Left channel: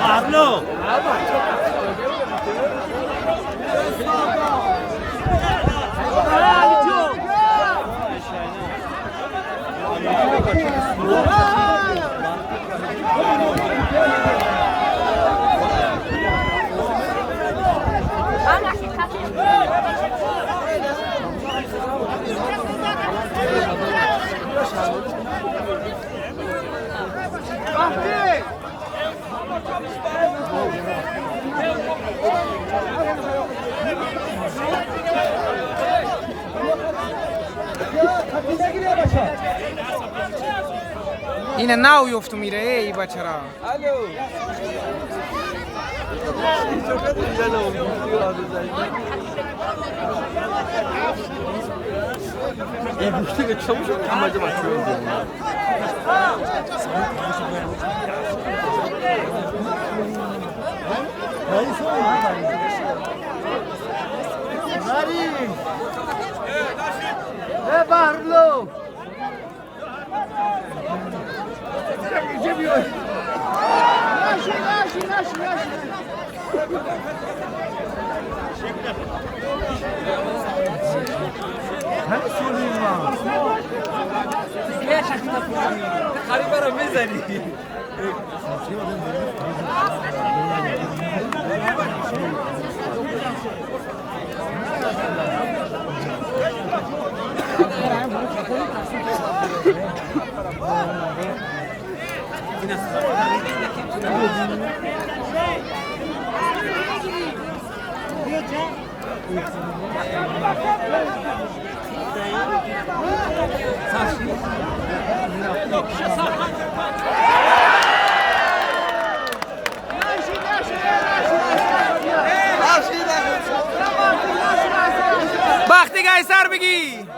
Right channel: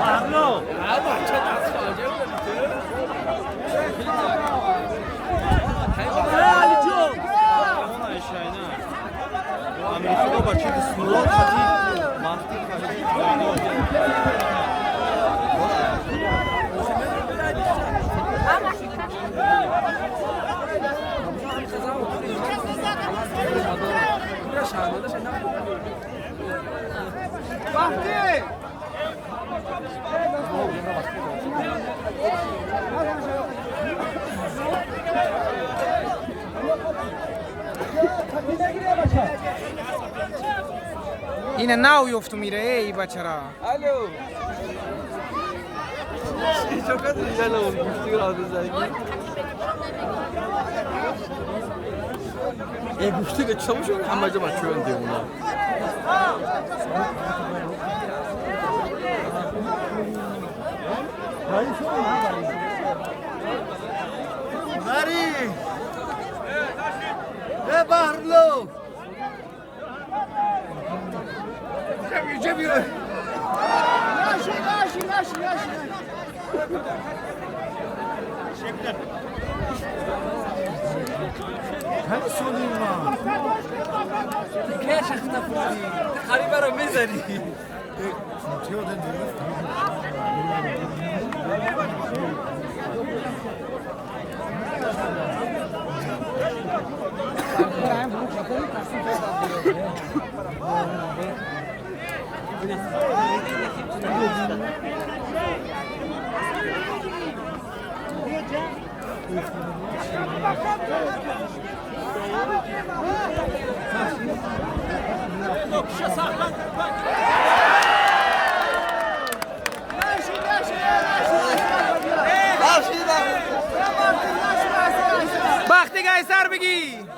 Pablo. اینه ناو یفتو میره ای بچرا الو چقدر güzel oldu. گوشتی به چه میشه کماجه بچه‌ها دیگه رئیس اون ها نریم بهرلو چه بیای ناشی همه سولیم ما Ne şaşta puli? Haribara mezani. وقتی گای سر بگی